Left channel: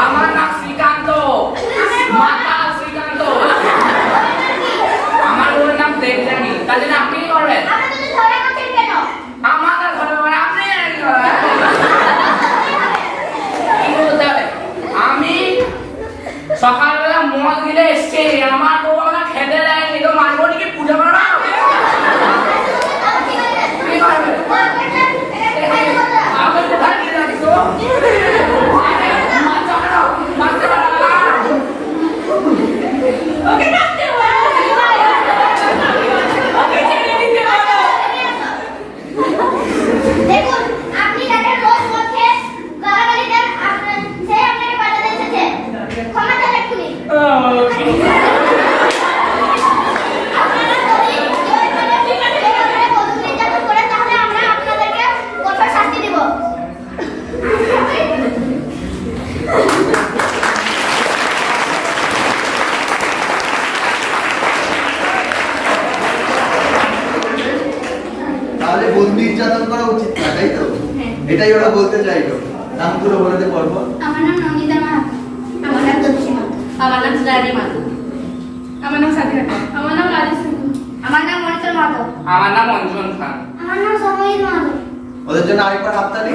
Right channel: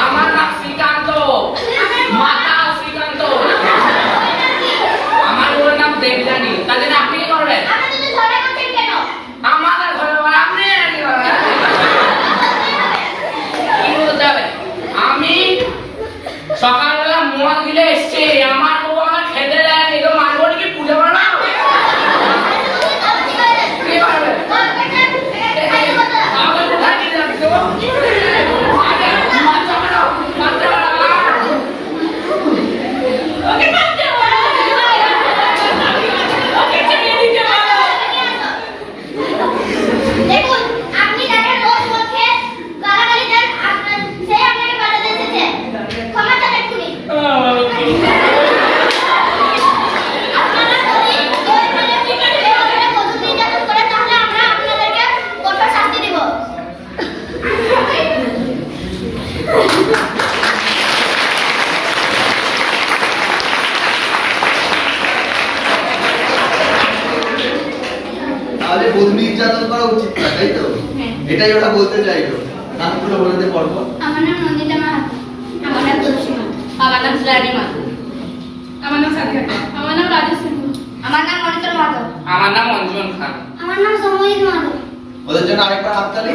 আমার নাম শ্রীকান্ত, মাতা শ্রীকান্ত। আমার ওর নাম দেবযানী। তার জন্য আপনি কি করবেন? আমাদের ঘরে আপনি কি বলতে হবে? আমি সকালবেলা মদ গিলে এসছি, আমার বউ আমার খেতে দেয়নি, তো মারবনি কি পূজা করবো? আমার কোথায় নিয়ে যাচ্ছ? বন্ধু নির্যাতন করা উচিত না, তাই তো? এটাই ওরা বলতে চাইলো। নাম পুরো বলে দে পর্ব। আমার নাম নন্দিতা মাহাতো। আমার নাম তুলসী মাহাতো। আমার নাম শ্রাবণী মাহাতো। আমার নাম সাথী মাহাতো। আমার নাম রাজেশ মাহাতো। আমার নাম মনিতর মাহাতো। আমার নাম অঞ্জন খান। আমার নাম সমীর মাহাতো। ওদের জন্য আরেকবার হাততালি।